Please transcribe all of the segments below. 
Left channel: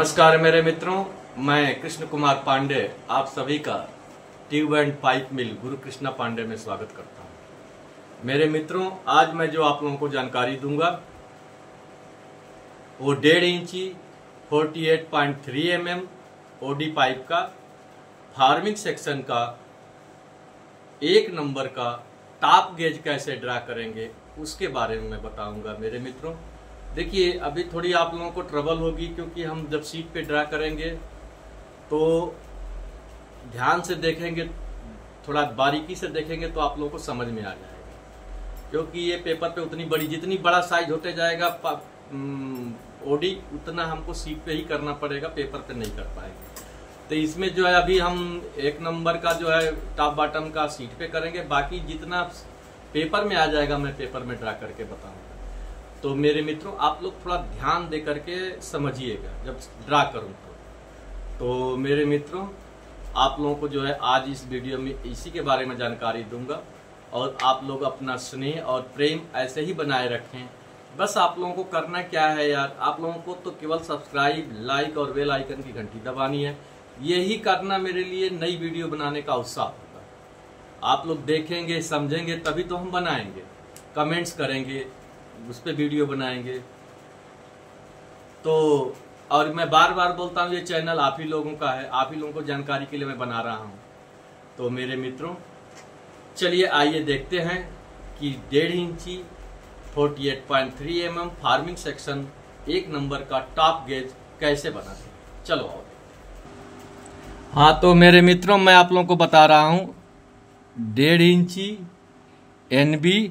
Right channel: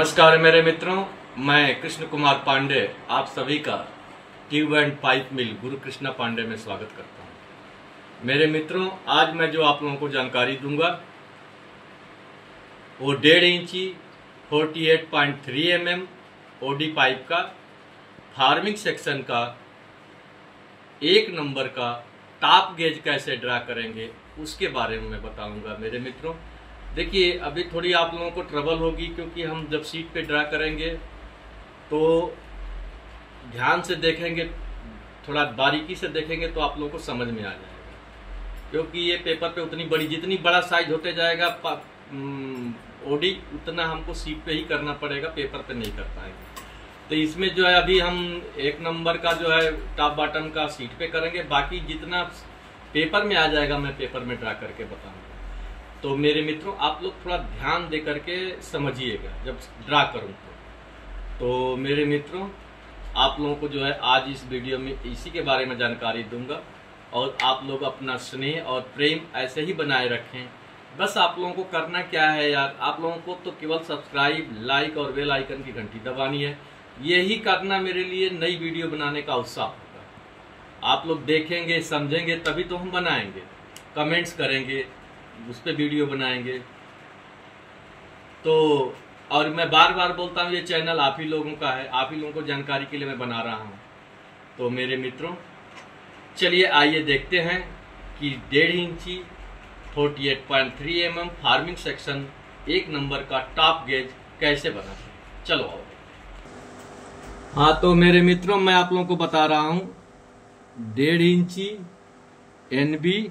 नमस्कार मेरे मित्रों, मैं कृष्ण कुमार पांडे आप सभी का ट्यूब एंड पाइप मिल गुरु कृष्णा पांडे में स्वागत करता हूं। मेरे मित्रों, आज मैं जो आप लोगों को जानकारी दूंगा वो 1.5 इंची 48.3 mm ओडी पाइप का फार्मिंग सेक्शन का 1 नंबर का टॉप गेज कैसे ड्रा करेंगे उसके बारे में मैं बताऊंगा। मेरे मित्रों देखिए, अभी थोड़ी आप लोगों को ट्रबल होगी क्योंकि हम जब सीट पे ड्रा करेंगे तो ध्यान से देखेंगे, थोड़ा बारीकी से देखेंगे तो आप लोगों को समझ में आ जाएगा। क्योंकि ये पेपर पे उतनी बड़ी, जितनी बड़ा साइज होते जाएगा ओडी, उतना हमको सीट पे ही करना पड़ेगा, पेपर पे नहीं कर पाएंगे। तो इसमें जो है अभी हम 1 नंबर का जो है टॉप बॉटम का सीट पे करेंगे, बाकी जितना पेपर में आ जाएगा मैं पेपर में ड्रा करके बताऊंगा। तो मेरे मित्रों, आप लोग थोड़ा ध्यान दे करके समझिएगा जब ड्रा करूं तो मेरे मित्रों, आप लोगों को जो है आज इस वीडियो में इसी के बारे में जानकारी दूंगा और आप लोग अपना स्नेह और प्रेम ऐसे ही बनाए रखें। बस आप लोगों को करना क्या है यार, आप लोगों को तो केवल सब्सक्राइब, लाइक और बेल आइकन की घंटी दबानी है। यही करना मेरे लिए नई वीडियो बनाने का उत्साह होगा। आप लोग देखेंगे, समझेंगे, तभी तो हम बनाएंगे, कमेंट्स करेंगे, उस पर वीडियो बनाएंगे। तो और मैं बार बार बोलता हूँ, ये चैनल आप ही लोगों का है, आप ही लोगों को जानकारी के लिए मैं बना रहा हूँ। तो मेरे मित्रों चलिए आइए देखते हैं कि 1.5 इंची 48.3 mm फार्मिंग सेक्शन 1 नंबर का टॉप गेज कैसे बनाते हैं। चलो आओ। हाँ तो मेरे मित्रों, मैं आप लोगों को बता रहा हूँ 1.5 इंची NB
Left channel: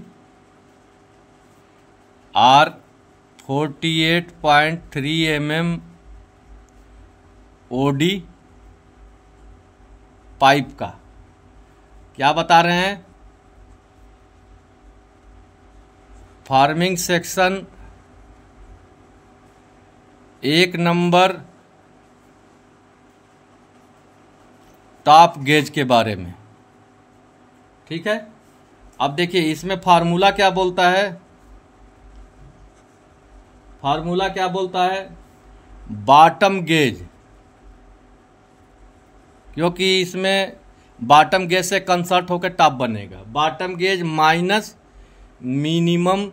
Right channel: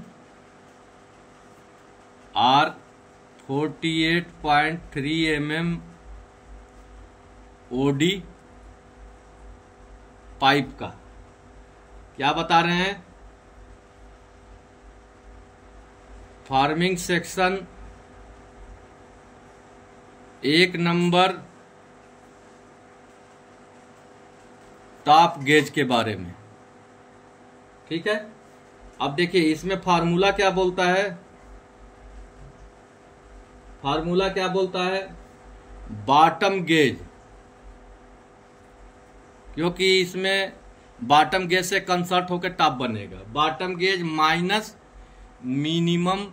R 48.3 mm OD pipe का क्या बता रहे हैं, farming section 1 number top gauge के बारे में। ठीक है, अब देखिए इसमें फार्मूला क्या बोलता है। फार्मूला क्या बोलता है, बॉटम गेज, क्योंकि इसमें बॉटम गेज से कंसर्ट होकर टॉप बनेगा। Bottom gauge minus minimum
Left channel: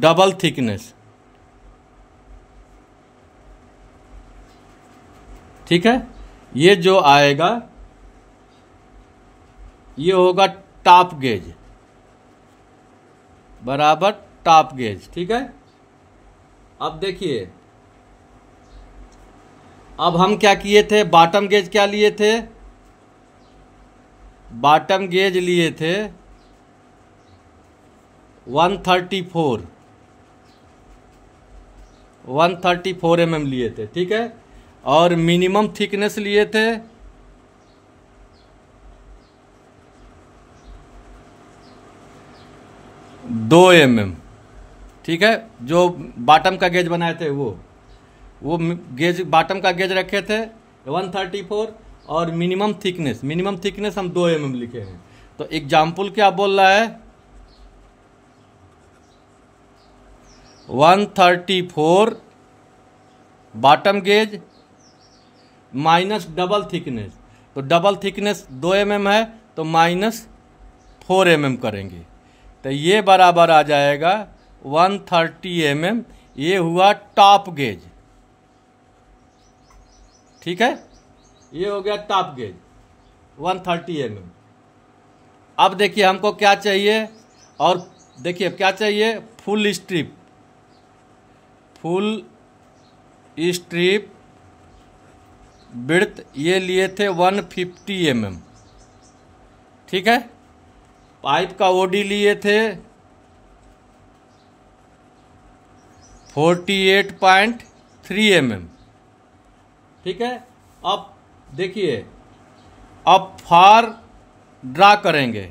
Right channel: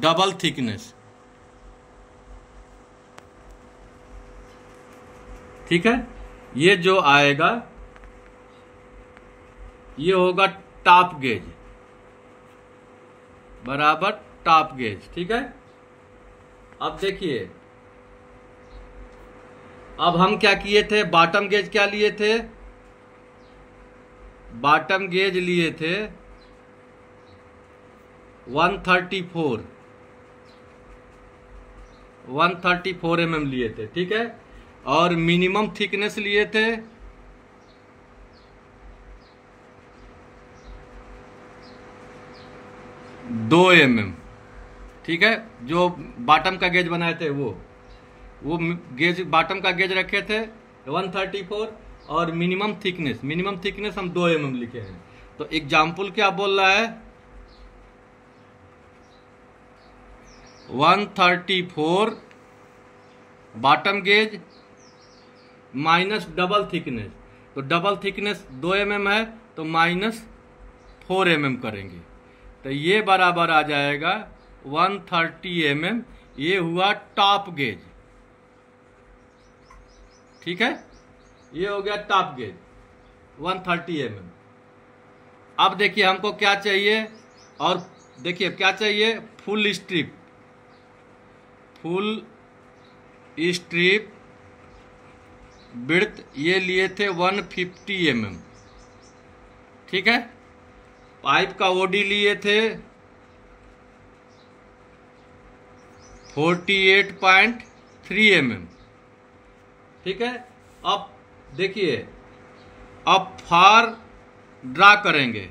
double thickness. ठीक है, ये जो आएगा ये होगा टॉप गेज बराबर टॉप गेज। ठीक है, अब देखिए, अब हम क्या किए थे, बॉटम गेज क्या लिए थे, बॉटम गेज लिए थे 134 mm लिए थे। ठीक है, और मिनिमम थिकनेस लिए थे 2 mm। ठीक है, जो बॉटम का गेज बनाए थे वो गेज, बॉटम का गेज रखे थे 134 और मिनिमम थिकनेस हम 2 mm लिखे हैं। तो एग्जाम्पल क्या बोल रहा है, 134 bottom gauge minus double thickness, तो डबल थिकनेस 2 mm है तो -4 mm करेंगे, तो ये बराबर आ जाएगा 130 mm। ये हुआ टॉप गेज। ठीक है, ये हो गया टॉप गेज 130 mm। अब देखिए हमको क्या चाहिए, और देखिए क्या चाहिए, फुल स्ट्रिप विड्थ, ये लिए थे 150 mm। ठीक है, पाइप का ओडी लिए थे 48.3 mm। ठीक है, अब देखिए, अब फार ड्रा करेंगे।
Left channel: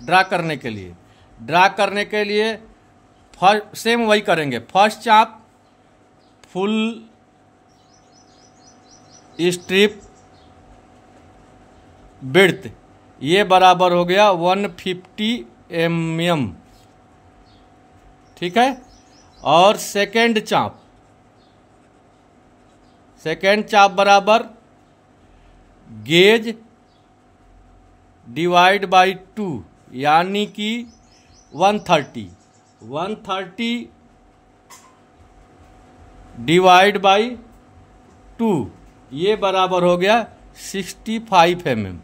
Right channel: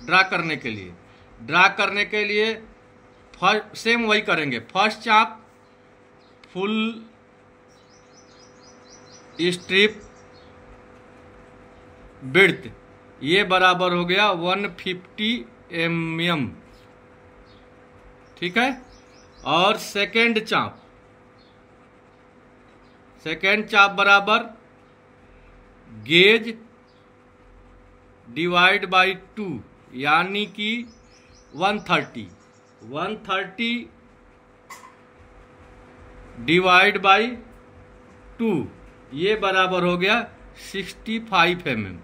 ड्रा करने के लिए सेम वही करेंगे। फर्स्ट चाप फुल स्ट्रिप विड्थ, ये बराबर हो गया 150 mm। ठीक है, और सेकेंड चाप बराबर गेज डिवाइड बाई 2 यानी कि 130 डिवाइड बाई 2 ये बराबर हो गया 65 mm।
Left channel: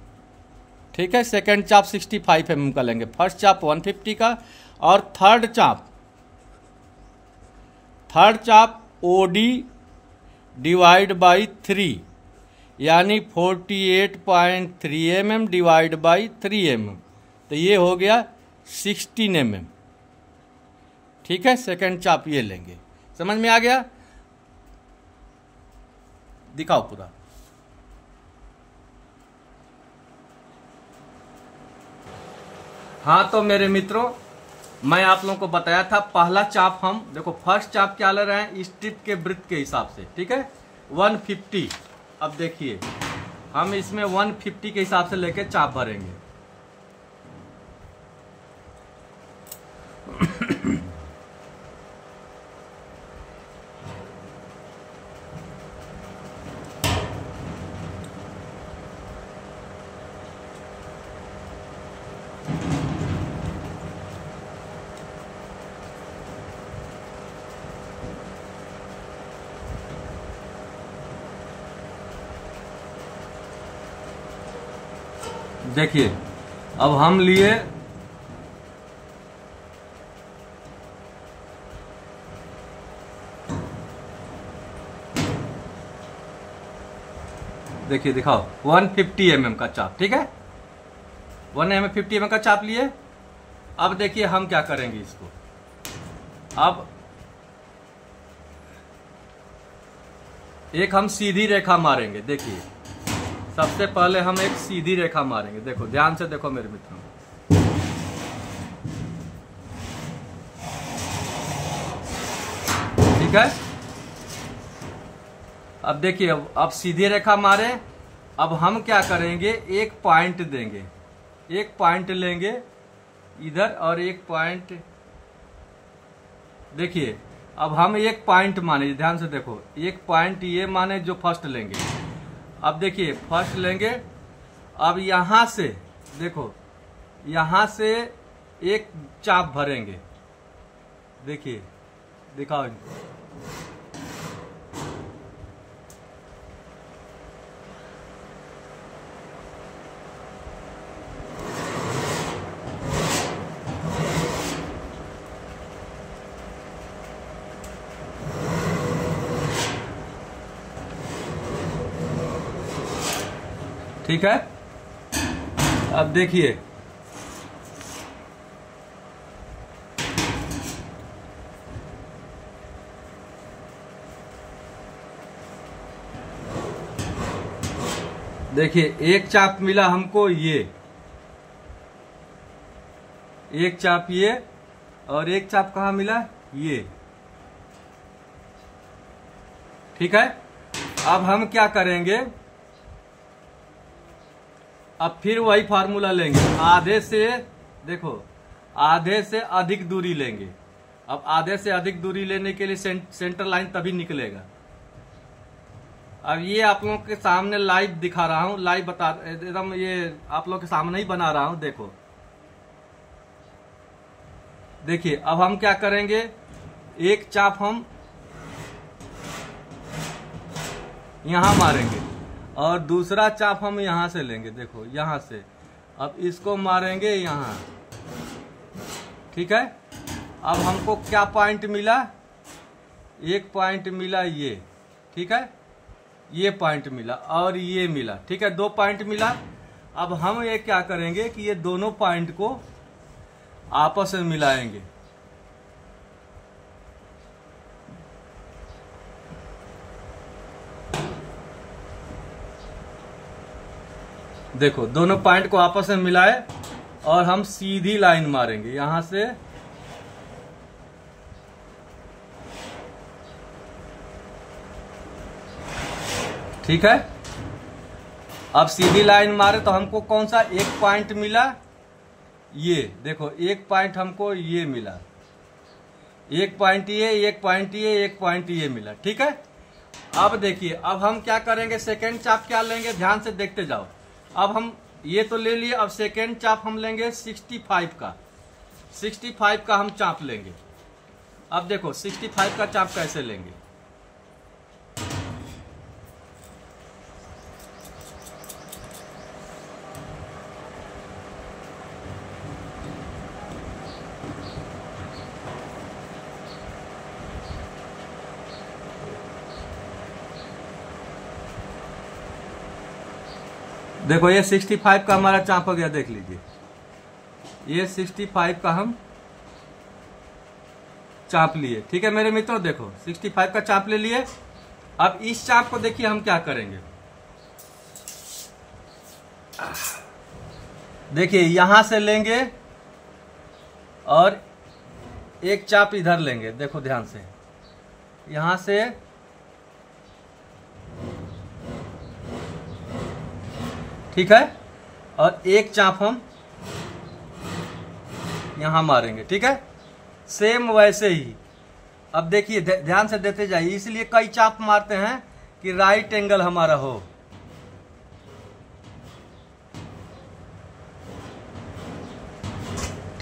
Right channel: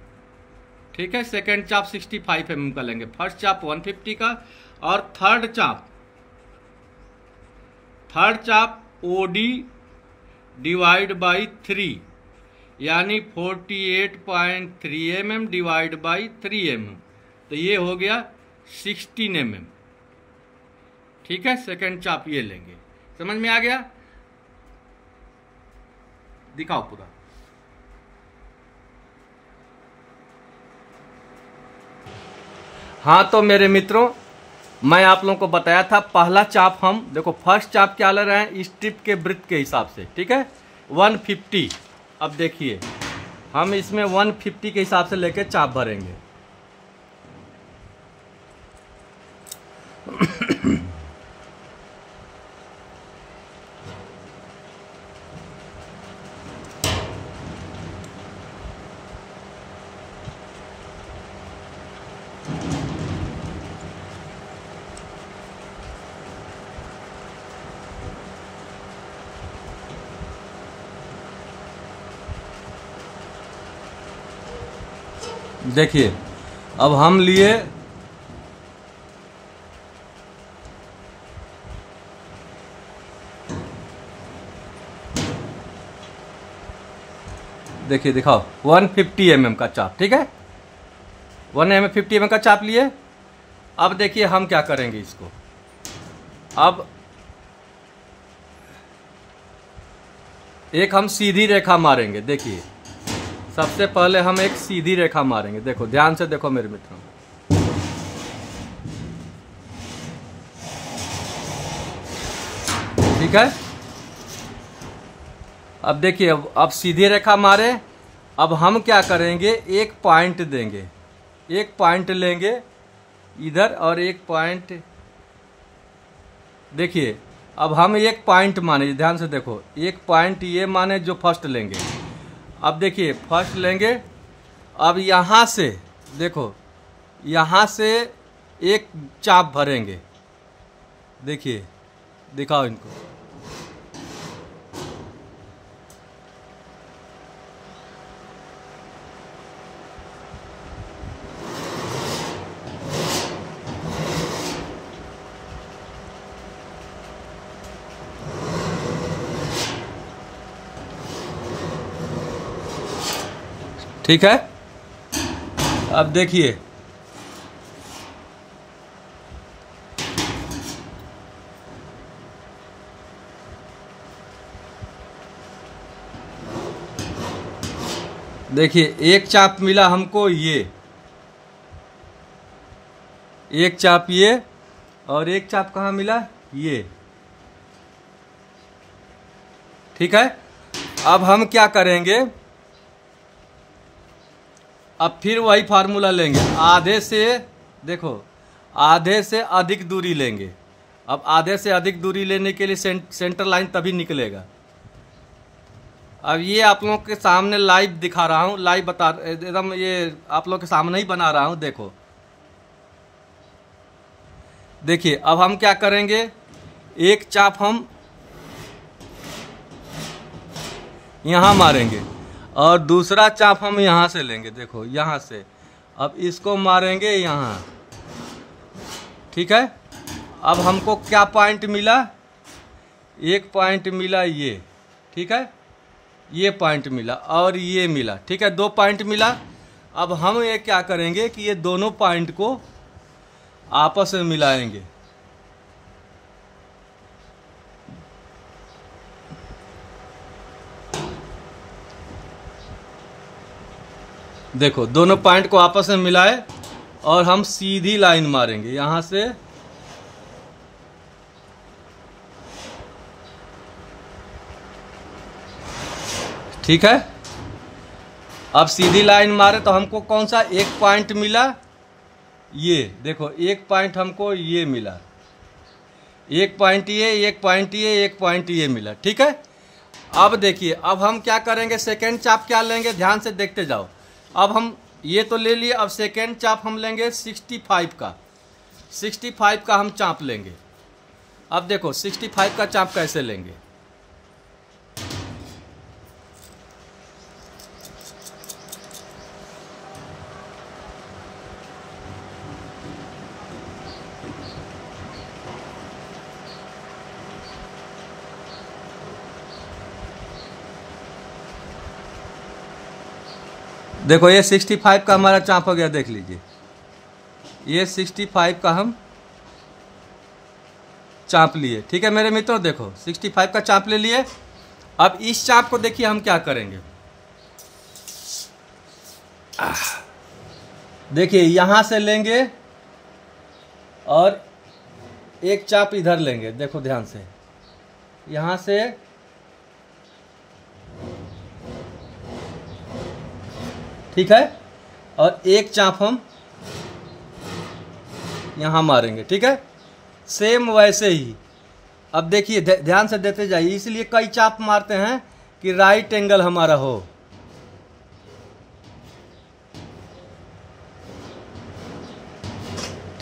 ठीक है, सेकेंड चाप 65 mm का लेंगे, फर्स्ट चाप 150 का, और थर्ड चाप OD डिवाइड बाई 3 यानी 48.3 mm डिवाइड बाई 3 mm, तो ये हो गया 16 mm। ठीक है, सेकेंड चाप ये लेंगे। समझ में आ गया? दिखाओ पूरा। हाँ तो मेरे मित्रों, मैं आप लोगों को बताया था पहला चाप हम देखो, फर्स्ट चाप क्या ले रहे हैं स्ट्रिप के वृत्त के हिसाब से। ठीक है, 150। अब देखिए हम इसमें 150 के हिसाब से लेके चाप भरेंगे। देखिए अब हम लिए देखिए, दिखाओ 150 mm का चाप। ठीक है, 150 mm का चाप लिए। अब देखिए हम क्या करेंगे इसको। अब एक हम सीधी रेखा मारेंगे। देखिए सबसे पहले हम एक सीधी रेखा मारेंगे। देखो ध्यान से देखो मेरे मित्रों, ठीक है। अब देखिए अब सीधी रेखा मारे। अब हम क्या करेंगे, एक पॉइंट देंगे, एक पॉइंट लेंगे इधर और एक पॉइंट। देखिए अब हम एक पॉइंट माने, ध्यान से देखो, एक पॉइंट ये माने जो फर्स्ट लेंगे। अब देखिए फर्स्ट लेंगे। अब यहाँ से देखो, यहाँ से एक चाप भरेंगे। देखिए दिखाओ इनको। ठीक है, अब देखिए एक चाप मिला हमको, ये एक चाप ये, और एक चाप कहाँ मिला, ये। ठीक है, अब हम क्या करेंगे, अब फिर वही फार्मूला लेंगे। आधे से देखो, आधे से अधिक दूरी लेंगे। अब आधे से अधिक दूरी लेने के लिए सेंटर लाइन तभी निकलेगा। अब ये आप लोगों के सामने लाइव दिखा रहा हूँ, लाइव बता एकदम, ये आप लोगों के सामने ही बना रहा हूँ। देखो देखिए अब हम क्या करेंगे, एक चाप हम यहाँ मारेंगे और दूसरा चाप हम यहाँ से लेंगे। देखो यहाँ से अब इसको मारेंगे यहाँ। ठीक है, अब हमको क्या पॉइंट मिला, एक पॉइंट मिला ये। ठीक है, ये पॉइंट मिला और ये मिला। ठीक है, दो पॉइंट मिला। अब हम ये क्या करेंगे कि ये दोनों पॉइंट को आपस में मिलाएंगे। देखो दोनों पॉइंट को आपस में मिलाए और हम सीधी लाइन मारेंगे यहां से। ठीक है, अब सीधी लाइन मारे तो हमको कौन सा एक पॉइंट मिला, ये देखो एक पॉइंट हमको ये मिला। एक पॉइंट ये, एक पॉइंट ये, एक पॉइंट ये मिला। ठीक है, अब देखिए, अब हम क्या करेंगे, सेकेंड चाप क्या लेंगे, ध्यान से देखते जाओ। अब हम ये तो ले लिए, अब सेकेंड चाप हम लेंगे 65 का। 65 का हम चाप लेंगे। अब देखो 65 का चाप कैसे लेंगे। देखो ये 65 का हमारा चाप हो गया, देख लीजिए, ये 65 का हम चाप लिए। ठीक है मेरे मित्रों, देखो 65 का चाप ले लिए। अब इस चाप को देखिए हम क्या करेंगे। देखिए यहां से लेंगे और एक चाप इधर लेंगे। देखो ध्यान से, यहां से ठीक है, और एक चाप हम यहां मारेंगे। ठीक है, सेम वैसे ही। अब देखिए ध्यान से देते जाइए, इसलिए कई चाप मारते हैं कि राइट एंगल हमारा हो।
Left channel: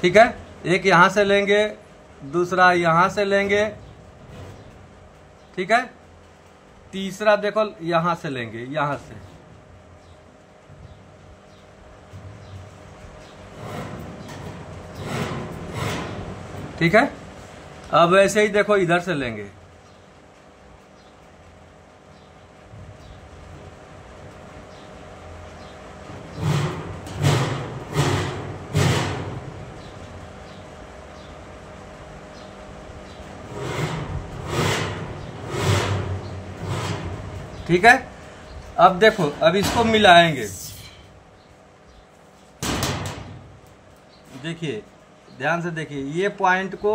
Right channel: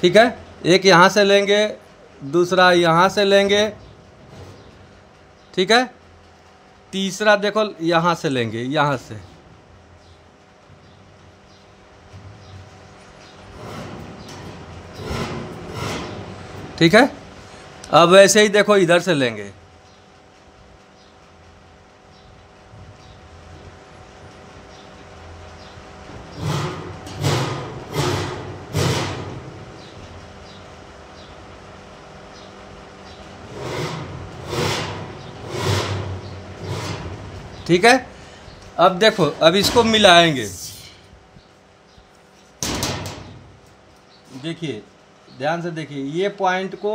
ठीक है, एक यहां से लेंगे, दूसरा यहां से लेंगे। ठीक है, तीसरा देखो यहां से लेंगे, यहां से। ठीक है, अब वैसे ही देखो इधर से लेंगे। ठीक है, अब देखो, अब इसको मिलाएंगे। देखिए ध्यान से देखिए, ये पॉइंट को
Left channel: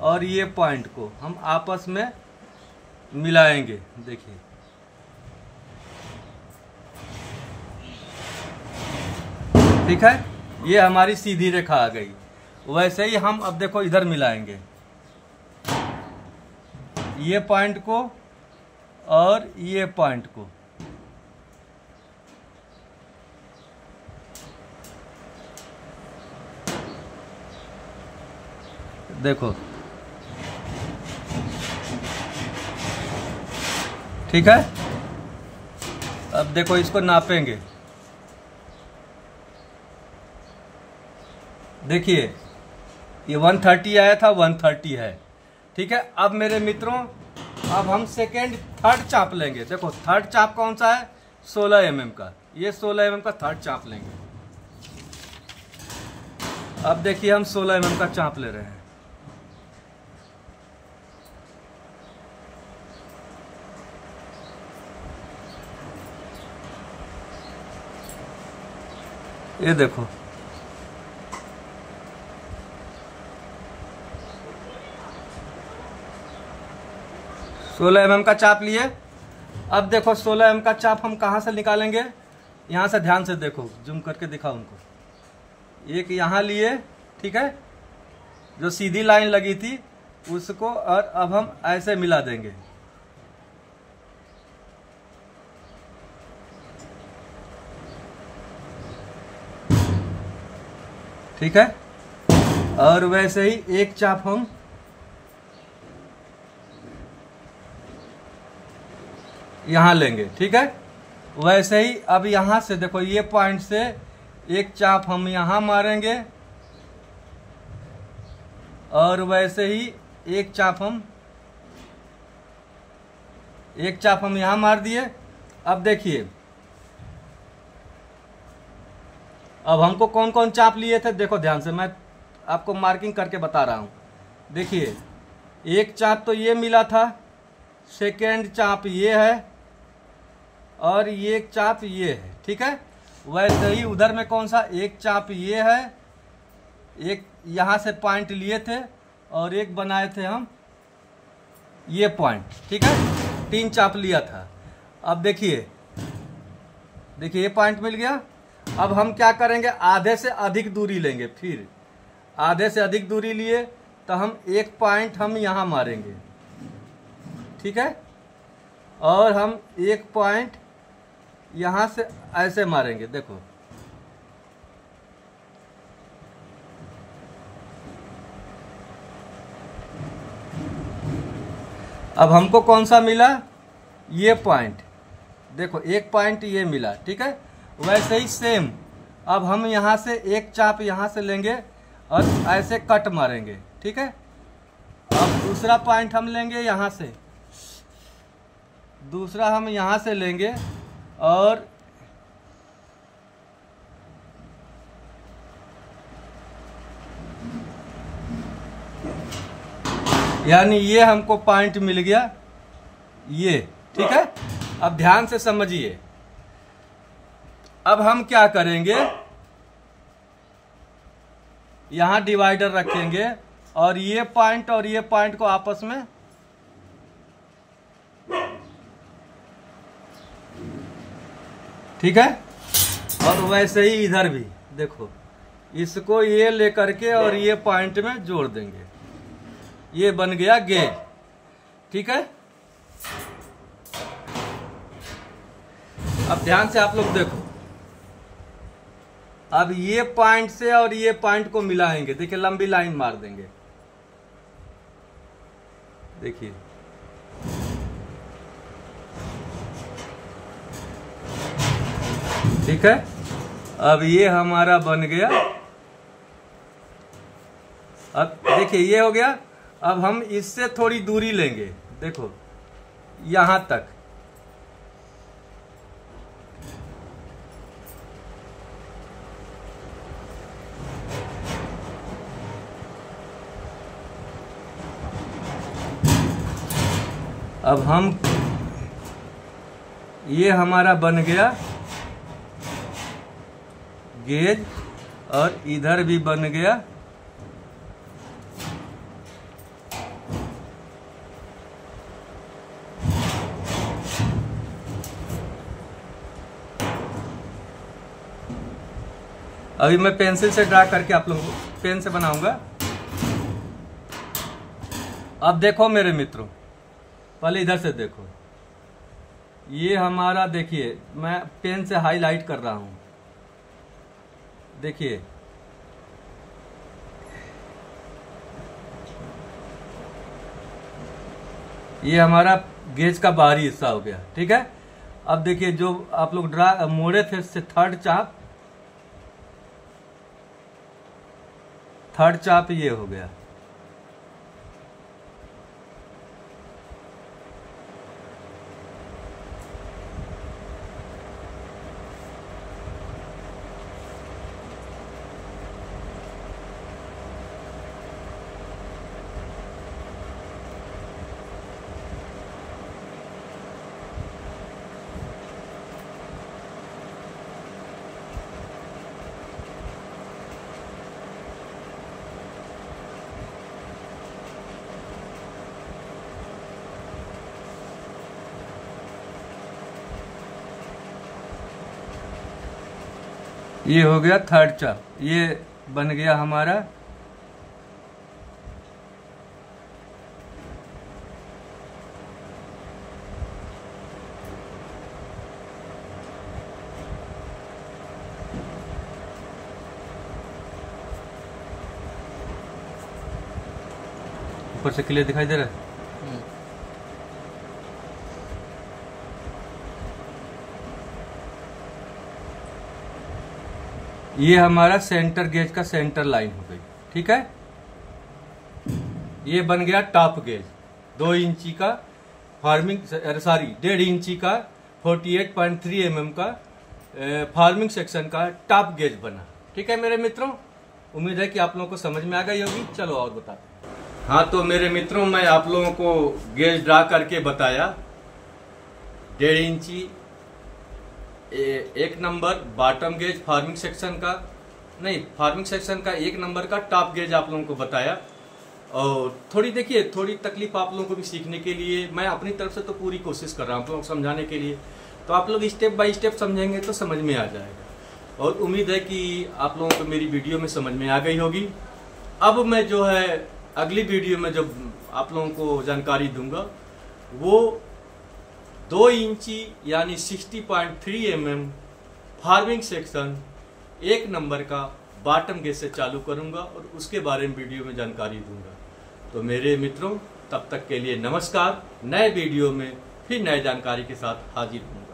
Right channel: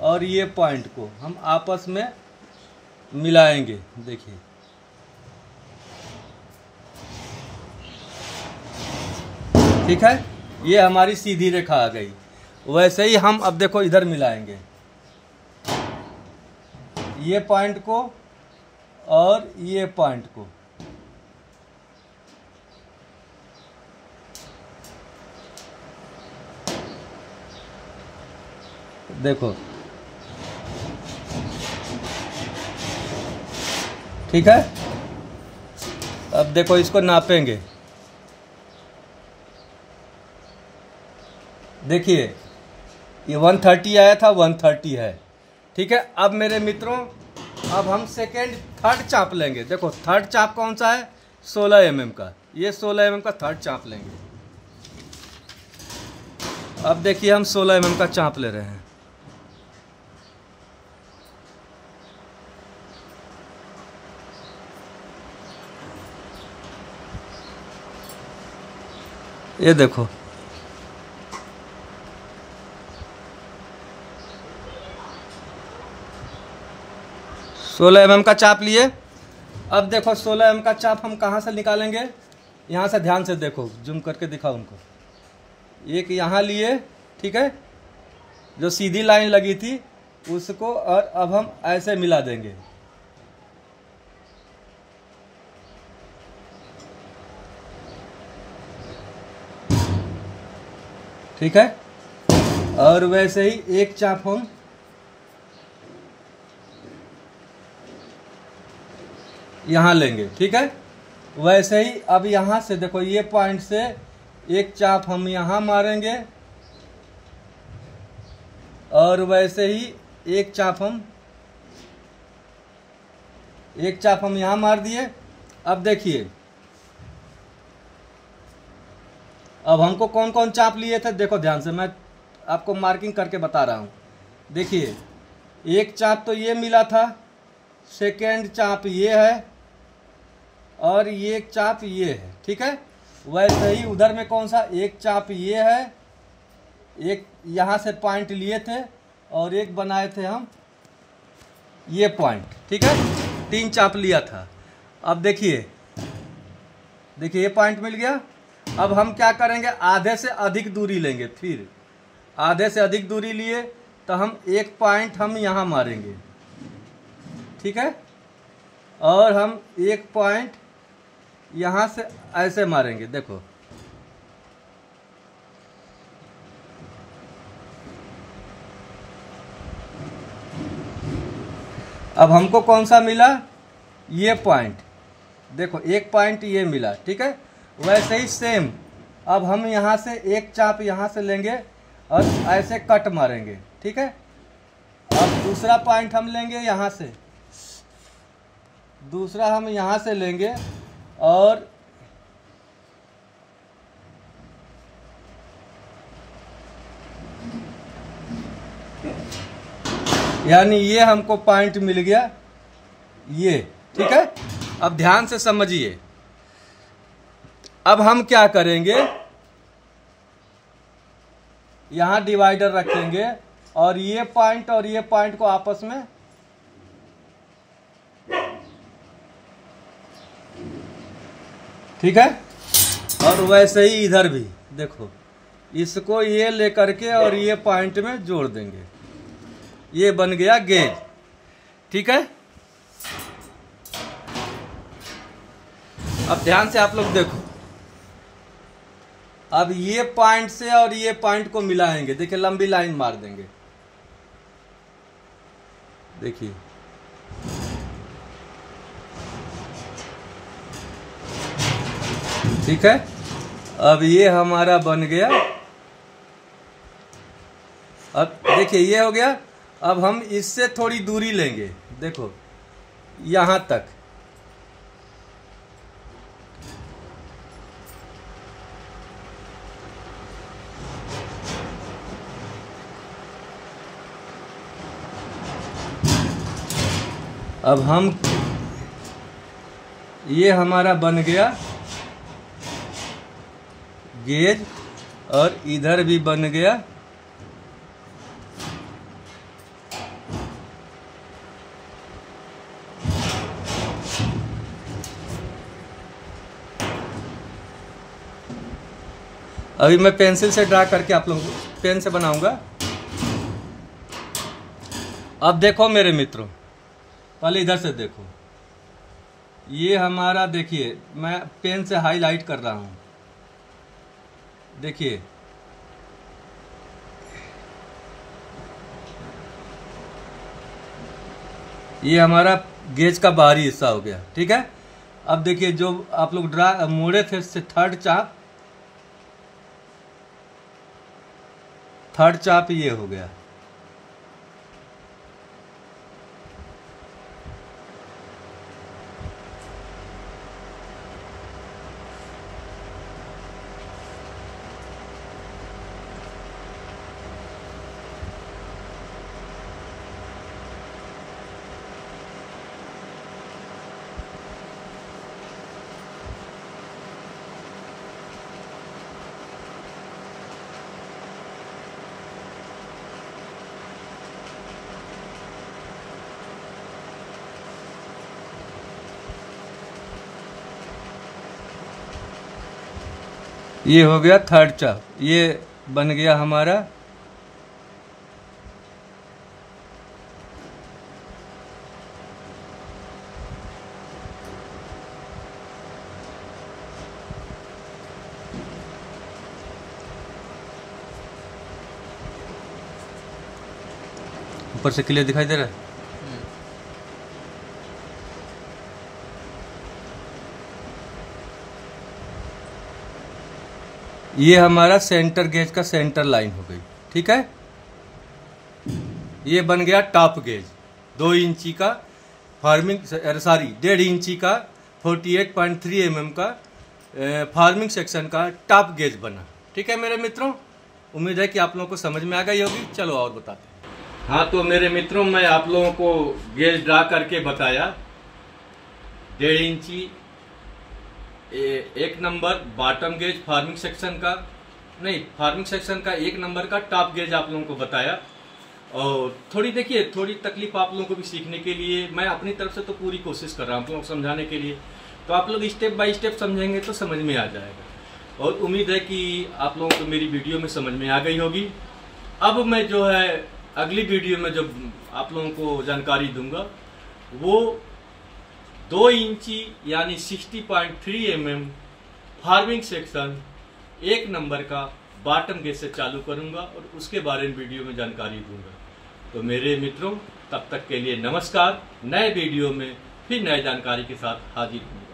और ये पॉइंट को हम आपस में मिलाएंगे। देखिए ठीक है, ये हमारी सीधी रेखा आ गई। वैसे ही हम अब देखो इधर मिलाएंगे, ये पॉइंट को और ये पॉइंट को। देखो ठीक है, अब देखो इसको नापेंगे। देखिए ये 130 आया था, 130 है। ठीक है, अब मेरे मित्रों, अब हम सेकेंड थर्ड चाप लेंगे। देखो थर्ड चाप कौन सा है, 16 mm का। ये 16 mm का थर्ड चाप लेंगे। अब देखिए हम 16 mm का चाप ले रहे हैं। ये देखो, सोलह mm का चाप लिए। अब देखो 16 mm का चाप हम कहाँ से निकालेंगे, यहाँ से। ध्यान से देखो, जूम करके दिखाओ उनको। एक यहाँ लिए, ठीक है, जो सीधी लाइन लगी थी उसको, और अब हम ऐसे मिला देंगे। ठीक है, और वैसे ही एक चाप हम यहां लेंगे। ठीक है, वैसे ही अब यहां से देखो, ये पॉइंट से एक चाप हम यहां मारेंगे, और वैसे ही एक चाप हम यहां मार दिए। अब देखिए, अब हमको कौन कौन चाप लिए थे, देखो ध्यान से, मैं आपको मार्किंग करके बता रहा हूं। देखिए एक चाप तो ये मिला था, सेकेंड चाप ये है, और ये एक चाप ये है। ठीक है, वैसे ही उधर में कौन सा, एक चाप ये है, एक यहाँ से पॉइंट लिए थे, और एक बनाए थे हम ये पॉइंट। ठीक है, 3 चाप लिया था। अब देखिए ये पॉइंट मिल गया। अब हम क्या करेंगे, आधे से अधिक दूरी लेंगे। फिर आधे से अधिक दूरी लिए तो हम एक पॉइंट हम यहाँ मारेंगे, ठीक है, और हम एक पॉइंट यहाँ से ऐसे मारेंगे। देखो अब हमको कौन सा मिला, ये पॉइंट, देखो एक पॉइंट ये मिला, ठीक है। वैसे ही सेम अब हम यहाँ से एक चाप यहाँ से लेंगे और ऐसे कट मारेंगे, ठीक है। अब दूसरा पॉइंट हम लेंगे यहाँ से, दूसरा हम यहाँ से लेंगे और यानी ये हमको पॉइंट मिल गया ये, ठीक है। अब ध्यान से समझिए, अब हम क्या करेंगे, यहां डिवाइडर रखेंगे और ये पॉइंट को आपस में ठीक है। और वैसे ही इधर भी देखो, इसको ये लेकर के और ये पॉइंट में जोड़ देंगे, ये बन गया गेज, ठीक है। अब ध्यान से आप लोग देखो, अब ये पॉइंट से और ये पॉइंट को मिलाएंगे, देखिए लंबी लाइन मार देंगे, देखिए ठीक है। अब ये हमारा बन गया, अब देखिए ये हो गया। अब हम इससे थोड़ी दूरी लेंगे, देखो यहां तक, अब हम ये हमारा बन गया गेज और इधर भी बन गया अभी मैं पेंसिल से ड्रा करके आप लोगों को पेन से बनाऊंगा। अब देखो मेरे मित्रों, पहले इधर से देखो, ये हमारा देखिए मैं पेन से हाईलाइट कर रहा हूं, देखिए ये हमारा गेज का बाहरी हिस्सा हो गया, ठीक है। अब देखिए जो आप लोग ड्रा मोड़े थे इससे थर्ड चाप ये हो गया, ये हो गया थर्ड चाप, ये बन गया हमारा ऊपर से क्लियर दिखाई दे रहा है। ये हमारा सेंटर गेज का सेंटर लाइन हो गई, ठीक है। ये बन गया टॉप गेज 2 इंची का फार्मिंग, सॉरी 1.5 इंची का 48.3 mm का फार्मिंग सेक्शन का टॉप गेज बना, ठीक है मेरे मित्रों। उम्मीद है कि आप लोगों को समझ में आ गई होगी। चलो और बताते हैं। हाँ तो मेरे मित्रों, मैं आप लोगों को गेज ड्रा करके बताया। 1.5 इंची एक number bottom gauge farming section का, नहीं फार्मिंग सेक्शन का 1 नंबर का टॉप गेज आप लोगों को बताया। और थोड़ी देखिए, थोड़ी तकलीफ आप लोगों को भी सीखने के लिए, मैं अपनी तरफ से तो पूरी कोशिश कर रहा हूँ आप लोगों को समझाने के लिए। तो आप लोग स्टेप बाय स्टेप समझेंगे तो समझ में आ जाएगा। और उम्मीद है कि आप लोगों को मेरी वीडियो में समझ में आ गई होगी। अब मैं जो है अगली वीडियो में जब आप लोगों को जानकारी दूंगा वो 2 इंची यानी 60.3 mm फार्मिंग सेक्शन 1 नंबर का बॉटम गेज से चालू करूंगा और उसके बारे में वीडियो में जानकारी दूंगा। तो मेरे मित्रों, तब तक के लिए नमस्कार। नए वीडियो में फिर नए जानकारी के साथ हाजिर हूँ।